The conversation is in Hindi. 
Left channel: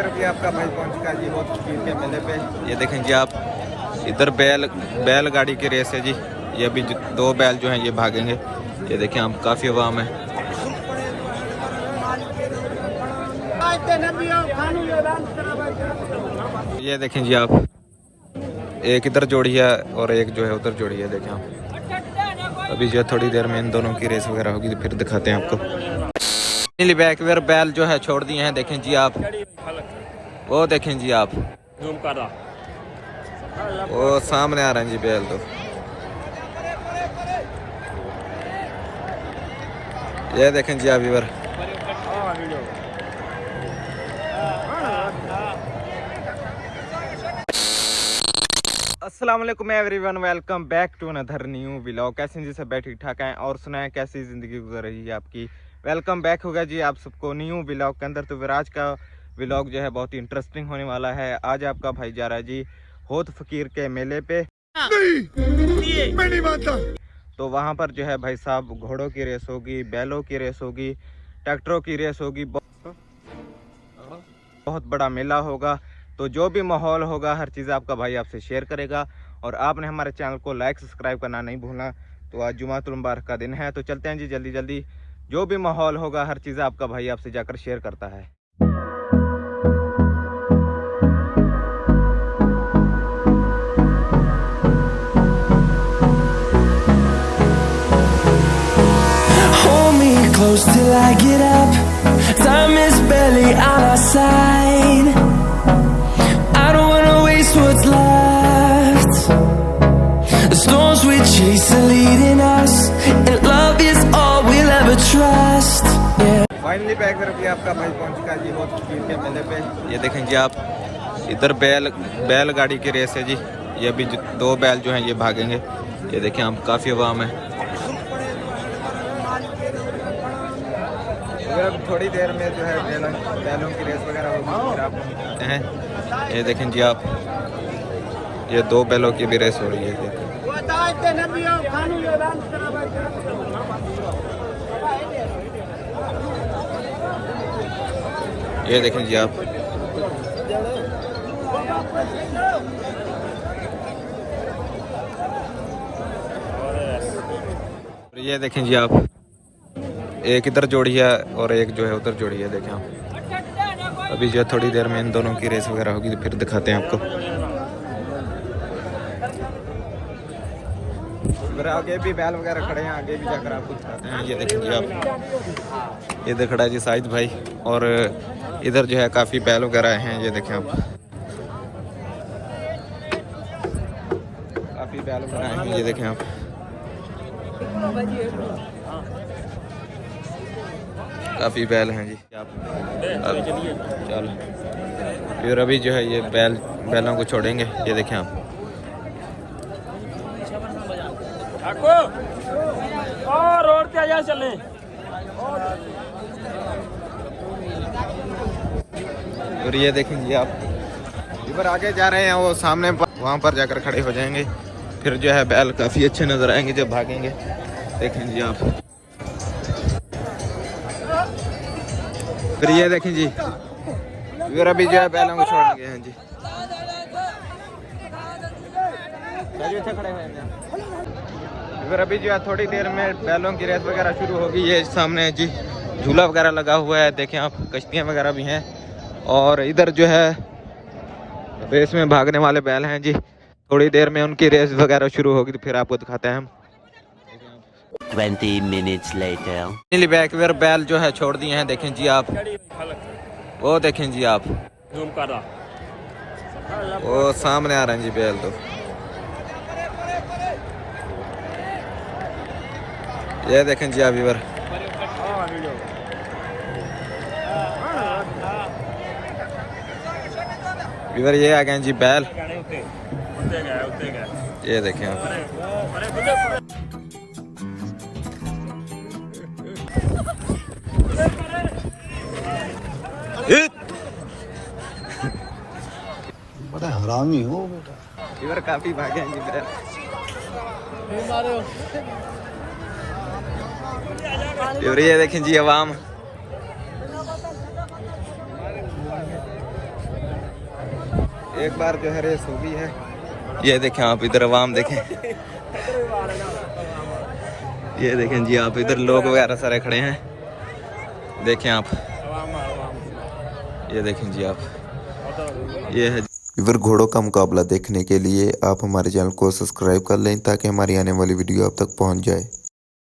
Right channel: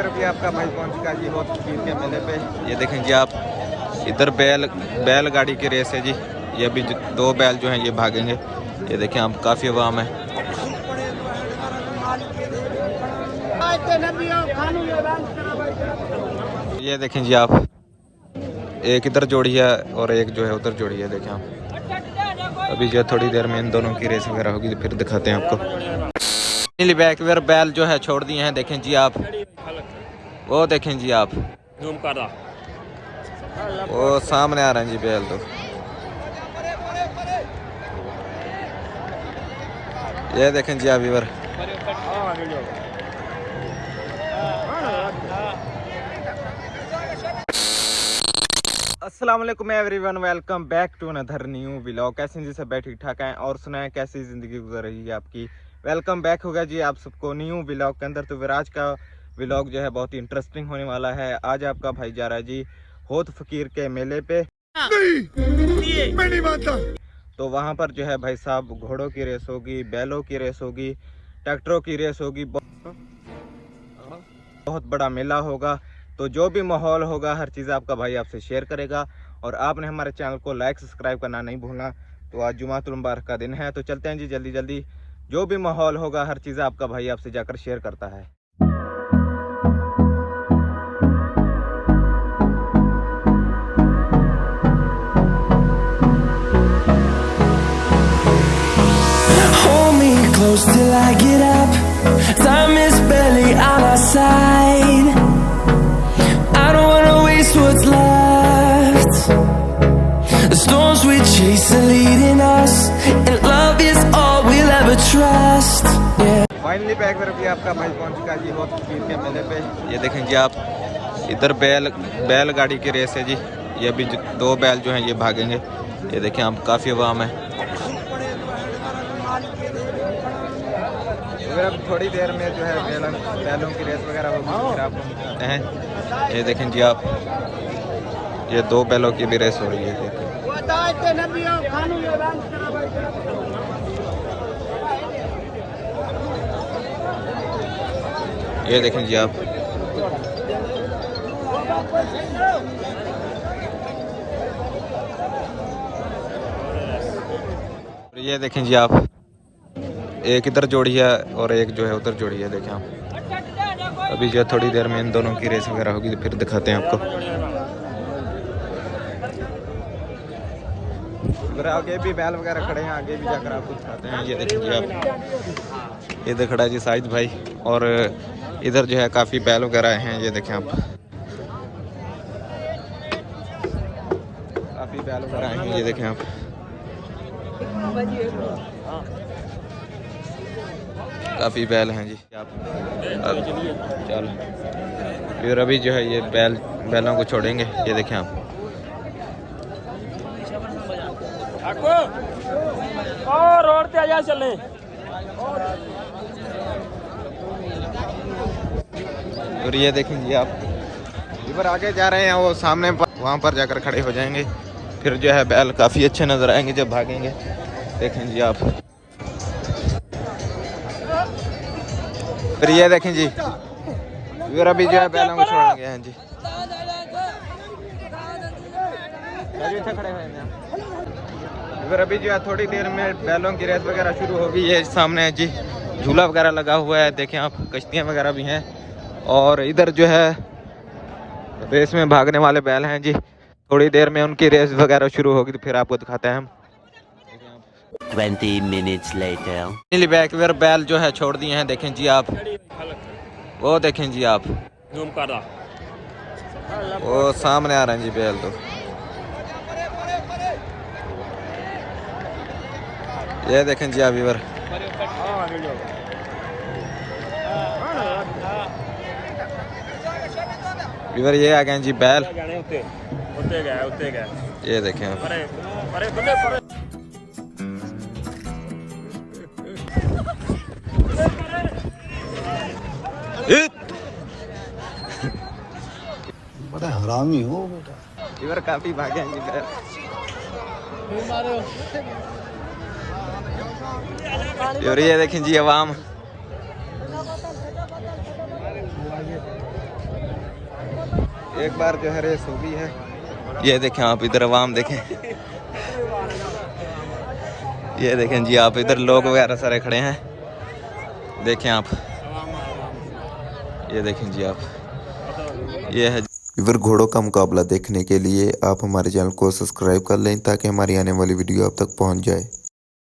बार भी आपका भाई पहुंच चुका जी बहुत फकीर के मेले पे। ये देखें जी आप, इधर बैलगाड़ी की रेस है जी। ये अभी दो बैल जो हैं ये भागेंगे। ये देखें आप, काफी अवाम है। ये देखें जी आप, एक इधर जोड़ी है और एक जो है उधर जोड़ी है। देखें आप, अभी जो थोड़ी देर में इन दोनों की रेस वगैरह होगी तो फिर दिखाते हैं आपको। बैक वेयर बैल जो है छोड़ दिए हैं। देखें जी आप, वो देखें जी आप, वो सामने आ रहे हैं जी बैल। तो ये देखें जी आप इधर। अस्सलाम वालेकुम everyone, welcome back to another new vlog. कैसे जी सब बैठ ठीक ठाक हैं और सुनाएं कैसी ज़िंदगी गुजर रही है आपकी। वेलकम बैक होगा जी आप सबको न्यू व्लॉग के अंदर। तो फिर आज का व्लॉग जो है बहुत ही इंटरेस्टिंग होने वाला है। आज आपका भाई जा रहा है जी होत फकीर के मेले पे। नहीं, मैं नहीं मानता। तो वहाँ पर जो है भाई साहब घोड़ों की रेस होगी, बैलों की रेस होगी, ट्रैक्टरों की रेस होगी, बहुत बड़ा मेला होगा। तो जो भी माहौल होगा हर चीज़ आपका भाई आपसे शेयर करेगा। और आपने हमारे चैनल को लाइक सब्सक्राइब करना नहीं भूलना। तो आज जुमातुल मुबारक का दिन है, तो चलते हैं जी जल्दी जल्दी। जो भी माहौल होगा हर चीज़ आपका भाई आपसे जाकर शेयर करता है। Close till I get up. Time is barely on our side. I don't wanna waste what's left. The storms we chase are leading us, and love is all we'll ever trust. Yeah. Finally back पर भी आपका भाई पहुंच चुका जी बहुत फकीर के मेले पे। ये देखें जी आप, इधर बैलगाड़ी की रेस है जी। ये अभी दो बैल जो हैं ये भागेंगे। ये देखें आप, काफी अवाम है। अगर अब थोड़ी देर में जो है बैलों की रेस वगैरह होगी तो फिर आपको दिखाते हैं। ये देखें जी आप, ये दो बैलों की भी रेस हो रही है। ये देखें जी आप, ये देखें जी आप, एक इधर जोड़ी है और एक जो है उधर जोड़ी है। देखें आप, अभी जो थोड़ी देर में इन दोनों की रेस वगैरह होगी तो फिर दिखाते हैं आपको। इधर आगे भी बैल वगैरह खड़े हैं, आगे भी जाकर आपको दिखाते हैं। ये देखें जी आप, इधर खड़ा है जी साहिद भाई, और इधर जो है काफी बैल वगैरह हैं। ये देखें आप, काफी बैल वगैरह हैं। ये देखें आप, काफी बैल हैं जी आप। फिर अभी जो है ये बैलों को छोड़ेंगे। ये देखें आप, और रोड पे आया चले। और ये देखेंगे आप, इधर आगे जा रहे हैं, वो सामने वहाँ पर जाकर खड़े हो जाएंगे। फिर जो है बैल काफी अच्छे नजर आएंगे जब भागेंगे। देखेंगे आप, फिर ये देखें जी, इधर अभी जो है बैलों को छोड़ेंगे हैं जी। खड़े हुए हैं इधर। अभी जो है थोड़ी देर में बैलों की रेस वगैरह शुरू होगी। ये सामने है जी झूला वगैरह लगा हुआ है। देखें आप, कश्तियाँ वगैरह भी हैं। और इधर जो है रेस में भागने वाले बैल हैं जी। थोड़ी देर में उनकी रेस वगैरह शुरू होगी तो फिर आपको दिखाते हैं हम। 20 minutes later. बैक वेयर बैल जो है छोड़ दिए हैं। देखें जी आप, वो देखें जी आप, वो सामने आ रहे हैं जी बैल। तो ये देखें जी आप इधर। इधर ये आ गए जी बैल। ये देखें आप, बड़ा हरामी हो बेटा। इधर काफी भागे हैं जी बैल। और ये देखें जी अवाम, एक बार जो है रेस हुई है। ये देखें आप इधर आवाम देखें, ये देखें जी आप इधर लोग वगैरह सारे खड़े हैं, देखें आप, ये देखें जी आप, ये है। इवर घोड़ों का मुकाबला देखने के लिए आप हमारे चैनल को सब्सक्राइब कर लें ताकि हमारी आने वाली वीडियो आप तक पहुंच जाए।